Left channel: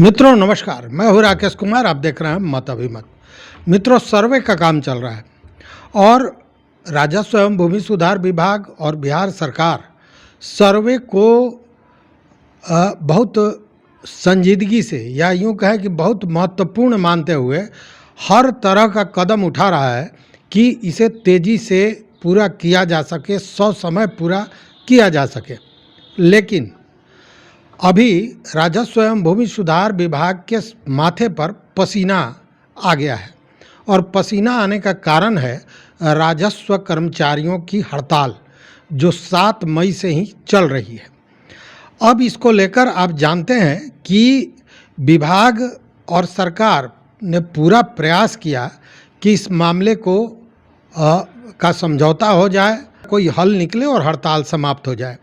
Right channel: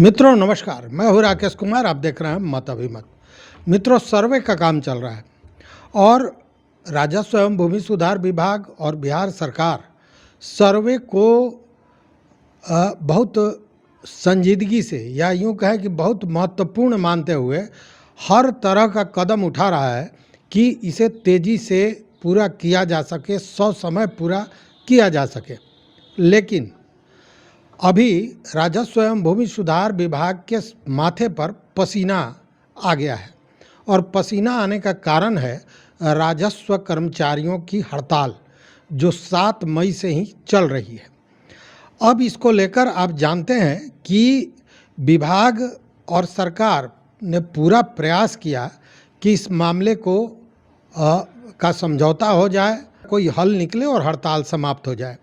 मित्रों नमस्कार, मैं हूं राकेश कुमार। आप देख रहे हैं मत अभिमत। मित्रों, सर्वे का काम चल रहा है और राजस्व एवं भूमि सुधार विभाग और बिहार सरकार सर्वे को बहुत संजीदगी से या यूं कहें कि बहुत महत्वपूर्ण मानते हुए हर तरह का कदम उठा रहा है कि इसे तेज़ी से पूरा किया जा सके, समय पूरा किया जा सके। लेकिन अभी राजस्व एवं भूमि सुधार विभाग के माथे पर पसीना आ गया है और पसीना आने का कारण है राजस्व कर्मचारियों की हड़ताल जो 7 मई से ही चल रही है। अब इसको लेकर आप जानते हैं कि विभाग और सरकार ने पूरा प्रयास किया कि इस मामले को का समझौता हो जाए, कोई हल निकले और हड़ताल समाप्त हो जाए।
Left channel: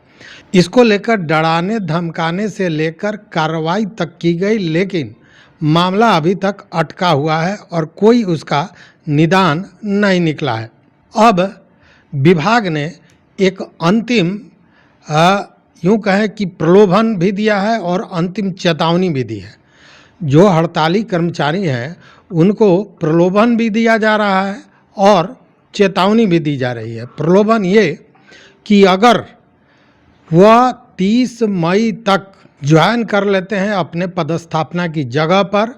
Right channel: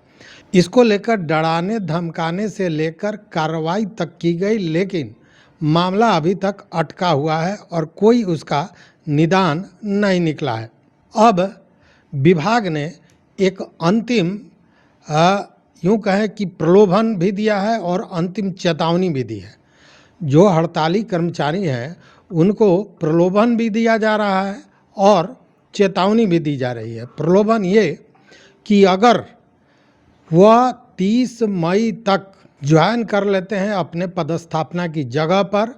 इसको लेकर डराने धमकाने से लेकर कार्रवाई तक की गई, लेकिन मामला अभी तक अटका हुआ है और कोई उसका निदान नहीं निकला है। अब विभाग ने एक अंतिम यूं कहें कि प्रलोभन भी दिया है और अंतिम चेतावनी भी दी है। जो हड़ताली कर्मचारी हैं उनको प्रलोभन भी दिया जा रहा है और चेतावनी भी दी जा रही है। प्रलोभन ये कि अगर वह 30 मई तक ज्वाइन कर लेते हैं अपने पदस्थापना की जगह पर,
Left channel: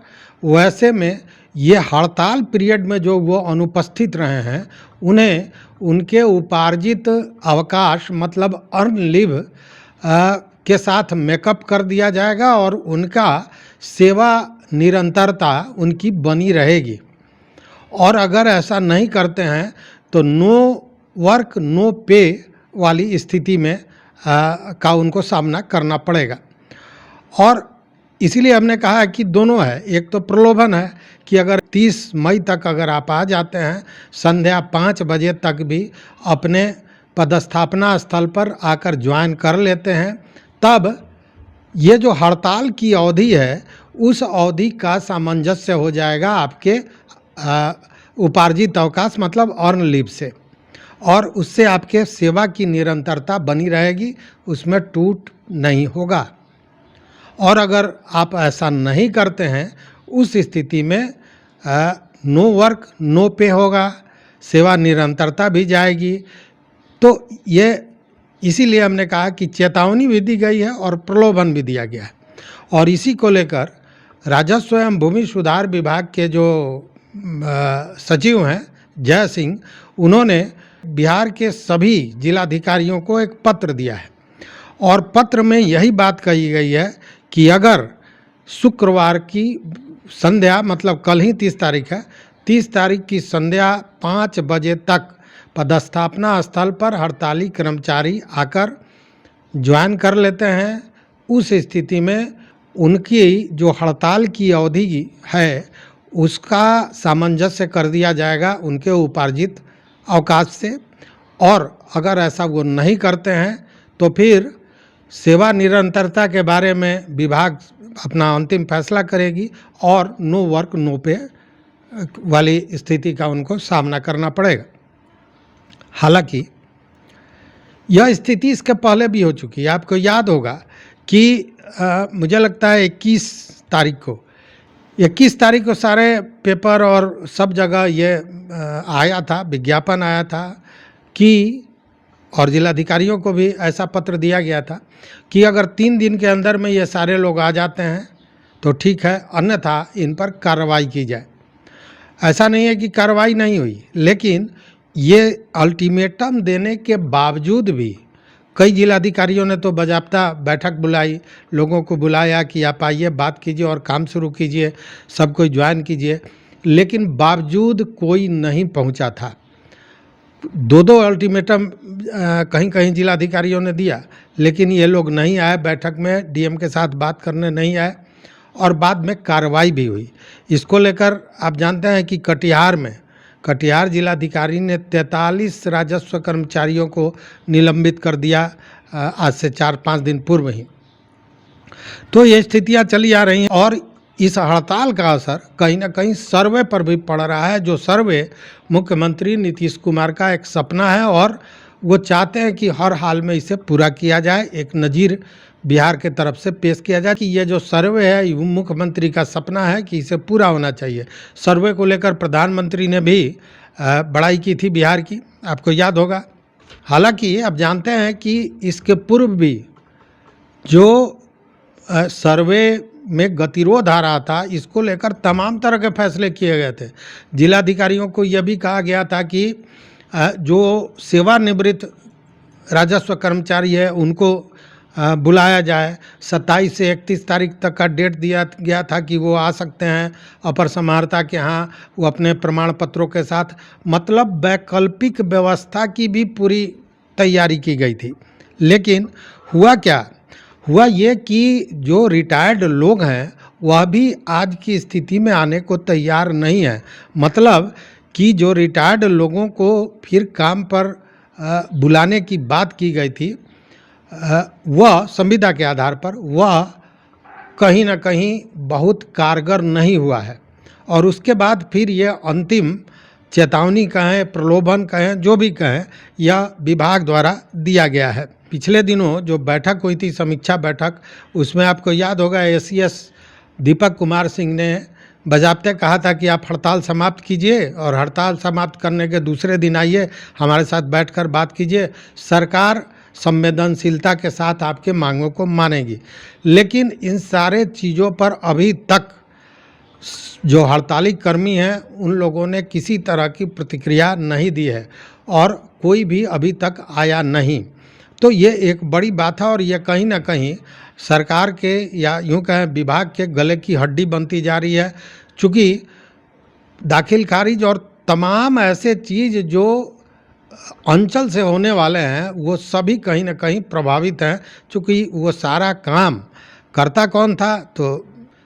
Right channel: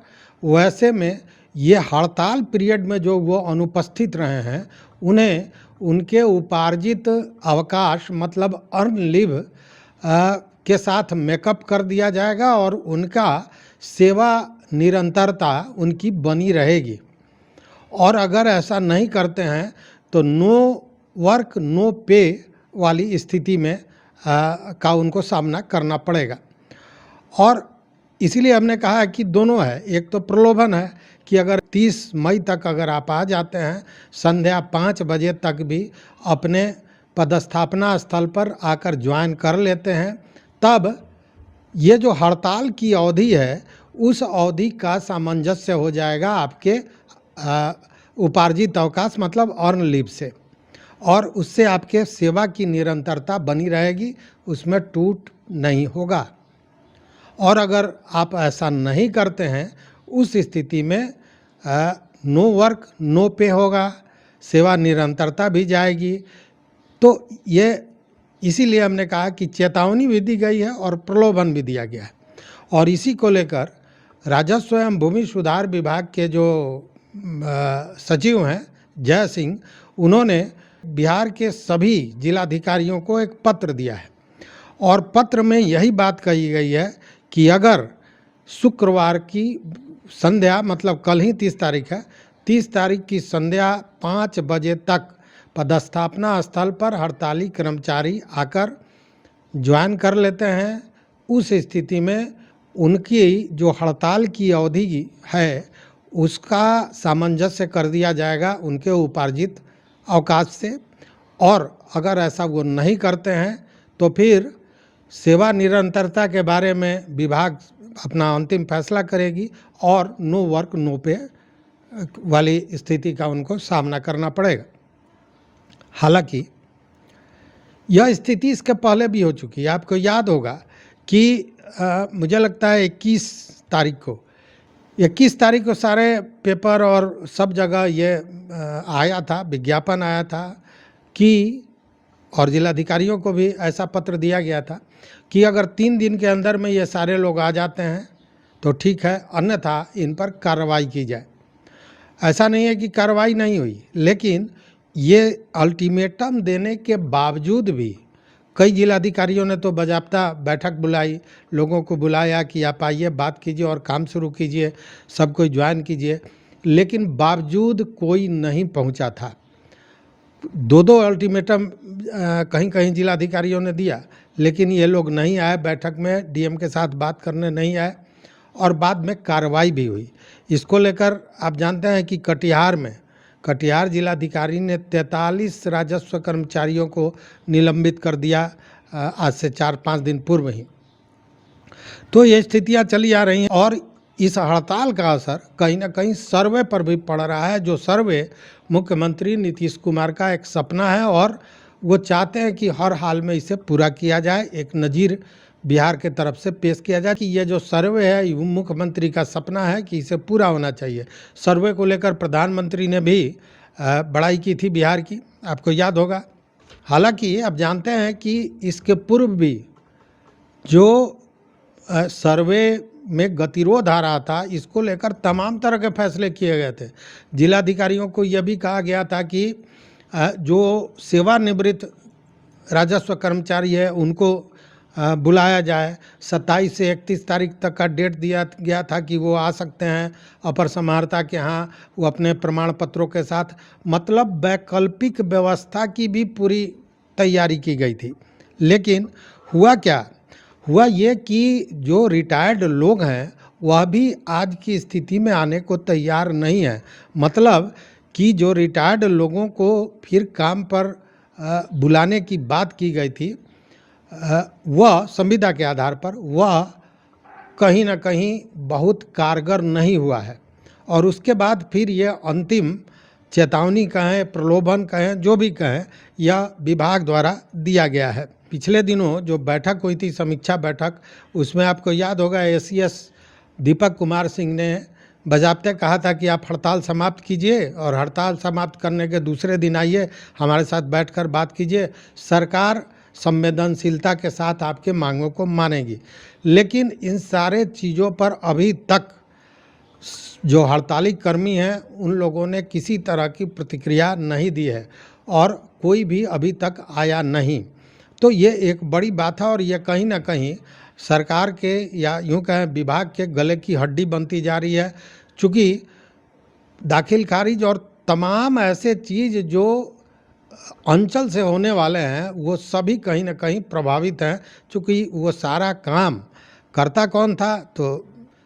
वैसे में ये हड़ताल पीरियड में जो वो अनुपस्थित रहे हैं उन्हें उनके उपार्जित अवकाश मतलब अर्न लीव के साथ मेकअप कर दिया जाएगा और उनका सेवा निरंतरता उनकी बनी रहेगी। और अगर ऐसा नहीं करते हैं तो नो वर्क नो पे वाली स्थिति में का उनको सामना करना पड़ेगा। और इसीलिए हमने कहा कि दोनों है। एक तो प्रलोभन है कि अगर 30 मई तक अगर आप आ जाते हैं, संध्या 5 बजे तक भी अपने पदस्थापना स्थल पर आकर ज्वाइन कर लेते हैं, तब ये जो हड़ताल की अवधि है उस अवधि का सामंजस्य हो जाएगा आपके उपार्जित अवकाश मतलब अर्न लीव से, और उससे आपके सेवा की निरंतरता बनी रहेगी, उसमें टूट नहीं होगा। और अगर आप ऐसा नहीं करते हैं उस स्थिति में नो वर्क नो पे होगा, सेवा निरंतरता भी जाएगी। तो ये इसीलिए हमने कहा कि चेतावनी भी दी गई है और प्रलोभन भी दिया गया है। और इसी को लेकर राजस्व एवं भूमि सुधार विभाग के जो सचिव हैं जय सिंह, उन्होंने बिहार के सभी जिलाधिकारियों को एक पत्र दिया है और पत्र में यही बात कही गई है कि अगर शुक्रवार की संध्या मतलब कल ही 30 तारीख है, 30 तारीख की संध्या 5 बजे तक पदस्थापना स्थल पर हड़ताली कर्मचारी आकर ज्वाइन कर लेते हैं, उस स्थिति में उनकी जो हड़ताल की अवधि है उसका सामंजस्य कर दिया जाएगा उनके उपार्जित अवकाश से। और अगर ऐसा वो नहीं करते हैं तो फिर सेवा निरंतरता के बारे में विभाग अपना अंतिम फैसला करेगी और नो वर्क नो पे वाली स्थिति का उनको सामना करना पड़ेगा। हालांकि यह स्थिति इसके पहले भी हो चुकी है। आपको याद होगा कि मुझे लगता है 21 तारीख को सारे पेपर और सब जगह ये आया था, विज्ञापन आया था कि, और जिलाधिकारियों को भी ऐसा पत्र दिया गया था कि अगर 3 दिन के अंदर में ये सारे लोग आ जाते हैं तो ठीक है, अन्यथा इन पर कार्रवाई की जाए। ऐसा नहीं है कि कार्रवाई नहीं हुई, लेकिन ये अल्टीमेटम देने के बावजूद भी कई जिलाधिकारियों ने तो बाकायदा बैठक बुलाई, लोगों को बुलाया कि आप आइए, बात कीजिए और काम शुरू कीजिए, सब कोई ज्वाइन कीजिए, लेकिन बावजूद कोई नहीं पहुंचा था। 2 अल्टीमेटम कहीं कहीं जिलाधिकारियों ने दिया, लेकिन ये लोग नहीं आए बैठक में, डीएम के साथ बात करने नहीं आए और बाद में कार्रवाई भी हुई। इसको लेकर आप जानते हैं कि कटिहार जिलाधिकारी ने 43 राजस्व कर्मचारियों को निलंबित कर दिया आज से 4-5 दिन पूर्व ही। तो ये स्थितियां चली आ रही हैं और इस हड़ताल का असर कहीं ना कहीं सर्वे पर भी पड़ रहा है, जो सर्वे मुख्यमंत्री नीतीश कुमार का एक सपना है और वो चाहते हैं कि हर हाल में इसे पूरा किया जाए, एक नज़ीर बिहार के तरफ से पेश किया जाए कि ये जो सर्वे है मुख्यमंत्री का सपना है कि इसे पूरा होना चाहिए। सर्वे को लेकर प्रधानमंत्री ने भी बड़ाई की थी बिहार की, आपको याद होगा। हालांकि अब जानते हैं कि इसके पूर्व भी जो सर्वे में गतिरोध आ रहा था, इसको लेकर तमाम तरह के फैसले किए गए थे। जिलाधिकारियों को यह भी कहा गया था कि जो सेवानिवृत्त राजस्व कर्मचारी है उनको बुलाया जाए। 27 से 31 तारीख तक का डेट दिया गया था कि वो आ सकते हैं अपर समाहर्ता के यहाँ, वो अपने प्रमाण पत्रों के साथ। मतलब वैकल्पिक व्यवस्था की भी पूरी तैयारी की गई थी। लेकिन हुआ क्या, हुआ ये कि जो रिटायर्ड लोग हैं वह भी आज की स्थिति में आने को तैयार नहीं है। मतलब कि जो रिटायर्ड लोगों को फिर काम पर बुलाने की बात की गई थी, वह संविदा के आधार पर वह कहीं ना कहीं बहुत कारगर नहीं हुआ है। और उसके बाद फिर ये अंतिम चेतावनी कहें, प्रलोभन कहें, जो भी कहें, यह विभाग द्वारा दिया गया है। पिछले दिनों जो बैठक हुई थी, समीक्षा बैठक, उसमें आपको याद होगा एसीएस दीपक कुमार सिंह ने बजाबते कहा था कि आप हड़ताल समाप्त कीजिए और हड़ताल समाप्त करने के दूसरे दिन आइए, हमारे साथ बैठकर बात कीजिए, सरकार संवेदनशीलता के साथ आपके मांगों को मानेगी। लेकिन इन सारे चीज़ों पर अभी तक जो हड़ताली कर्मी हैं उन लोगों ने किसी तरह की प्रतिक्रिया नहीं दी है और कोई भी अभी तक आया नहीं। तो ये एक बड़ी बात है और ये कहीं ना कहीं सरकार के या यूँ कहें विभाग के गले की हड्डी बनती जा रही है। चूँकि दाखिल खारिज और तमाम ऐसे चीज़ जो अंचल से होने वाले हैं वो सभी कहीं ना कहीं प्रभावित हैं। चूँकि वो सारा काम करता कौन था, तो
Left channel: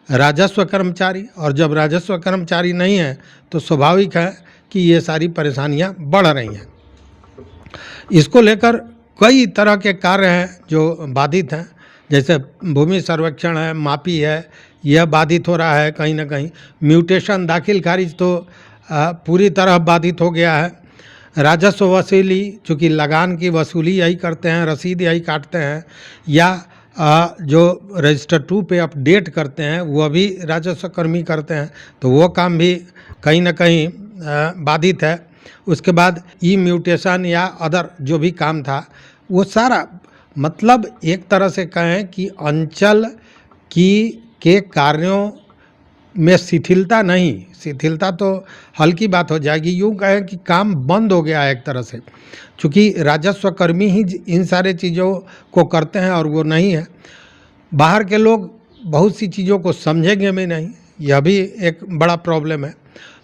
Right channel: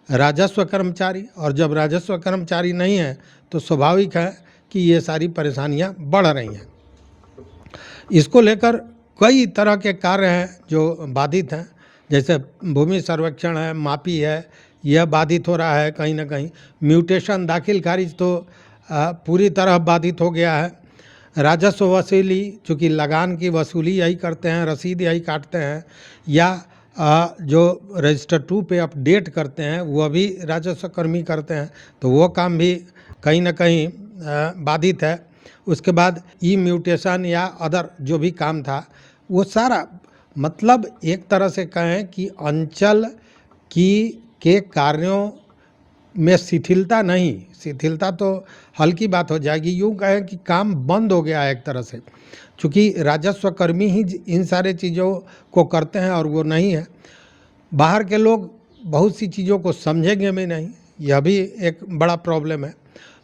राजस्व कर्मचारी, और जब राजस्व कर्मचारी नहीं है तो स्वाभाविक है कि ये सारी परेशानियां बढ़ रही हैं। इसको लेकर कई तरह के कार्य हैं जो बाधित हैं, जैसे भूमि सर्वेक्षण है, मापी है, यह बाधित हो रहा है कहीं ना कहीं। म्यूटेशन दाखिल खारिज तो पूरी तरह बाधित हो गया है। राजस्व वसूली, चूँकि लगान की वसूली यही करते हैं, रसीद यही काटते हैं, या जो रजिस्टर 2 पे अपडेट करते हैं वह भी राजस्व कर्मी करते हैं, तो वो काम भी कहीं ना कहीं बाधित है। उसके बाद ई म्यूटेशन या अदर जो भी काम था वो सारा, मतलब एक तरह से कहें कि अंचल के कार्यों में शिथिलता नहीं, शिथिलता तो हल्की बात हो जाएगी, यूँ कहें कि काम बंद हो गया है एक तरह से। चूँकि राजस्व कर्मी ही इन सारे चीज़ों को करते हैं और वो नहीं है। बाहर के लोग बहुत सी चीज़ों को समझेंगे भी नहीं, यह भी एक बड़ा प्रॉब्लम है।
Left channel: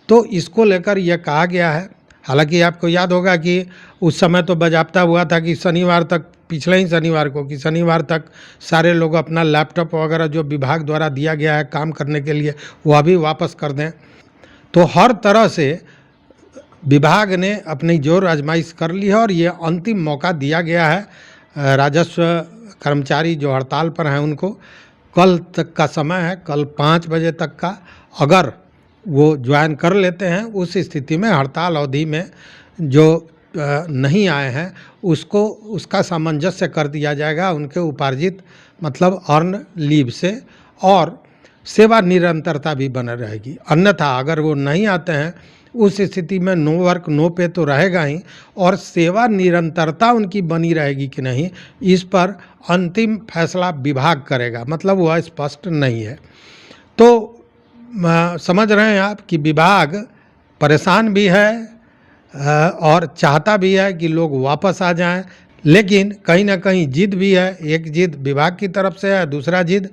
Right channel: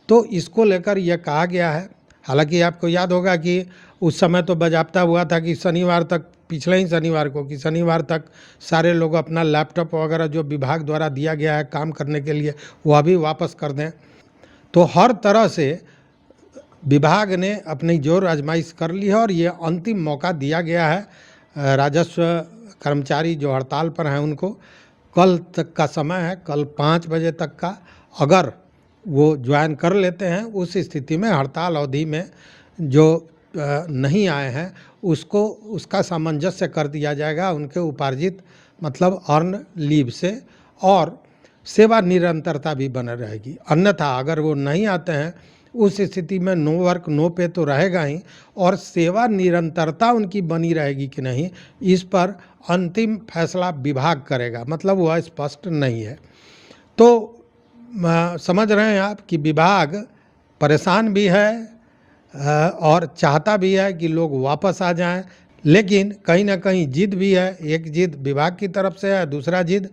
तो इसको लेकर यह कहा गया है। हालांकि आपको याद होगा कि उस समय तो बाज़ाब्ता हुआ था कि शनिवार तक, पिछले ही शनिवार को, कि शनिवार तक सारे लोग अपना लैपटॉप वगैरह जो विभाग द्वारा दिया गया है काम करने के लिए वह भी वापस कर दें। तो हर तरह से विभाग ने अपनी जोर आजमाइश कर ली है और ये अंतिम मौका दिया गया है। राजस्व कर्मचारी जो हड़ताल पर हैं उनको कल तक का समय है, कल 5 बजे तक का। अगर वो ज्वाइन कर लेते हैं उस स्थिति में हड़ताल अवधि में जो नहीं आए हैं उसका सामंजस्य कर दिया जाएगा उनके उपार्जित, मतलब अर्न लीव से, और सेवा निरंतरता भी बना रहेगी। अन्यथा अगर वो नहीं आते हैं उस स्थिति में नो वर्क नो पे तो रहेगा ही, और सेवा निरंतरता उनकी बनी रहेगी कि नहीं इस पर अंतिम फैसला विभाग करेगा, मतलब वह स्पष्ट नहीं है। तो समझ रहे हैं आप कि विभाग परेशान भी है और चाहता भी है कि लोग वापस आ जाएं, लेकिन कहीं ना कहीं जिद भी है। एक जिद विभाग की तरफ से है, दूसरा जिद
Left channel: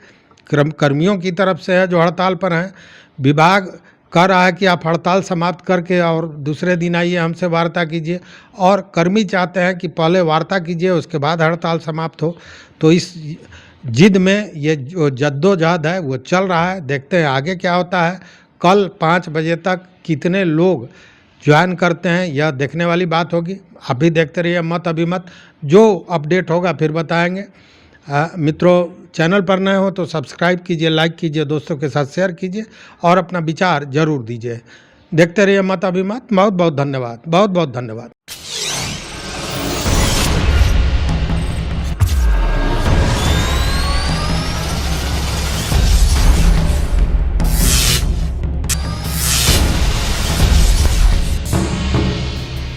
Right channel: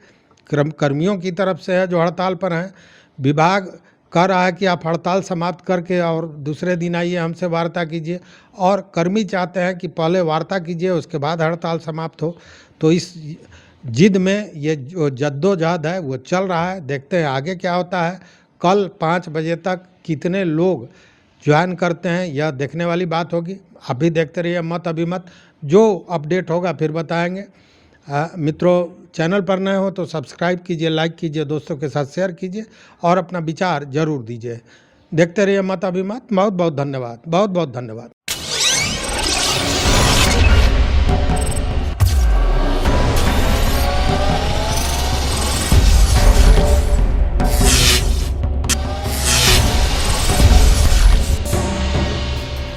कर्मियों की तरफ से है जो हड़ताल पर हैं। विभाग कह रहा है कि आप हड़ताल समाप्त करके और दूसरे दिन आइए हमसे वार्ता कीजिए, और कर्मी चाहते हैं कि पहले वार्ता कीजिए उसके बाद हड़ताल समाप्त हो। तो इस जिद में ये जो जद्दोजहद है वो चल रहा है। देखते हैं आगे क्या होता है। कल 5 बजे तक कितने लोग ज्वाइन करते हैं यह देखने वाली बात होगी। आप भी देखते रहिए मत अभिमत, जो अपडेट होगा फिर बताएंगे। मित्रों, चैनल पर नए हो तो सब्सक्राइब कीजिए, लाइक कीजिए, दोस्तों के साथ शेयर कीजिए और अपना विचार जरूर दीजिए। देखते रहिए मत अभिमत। बहुत बहुत धन्यवाद, बहुत बहुत धन्यवाद।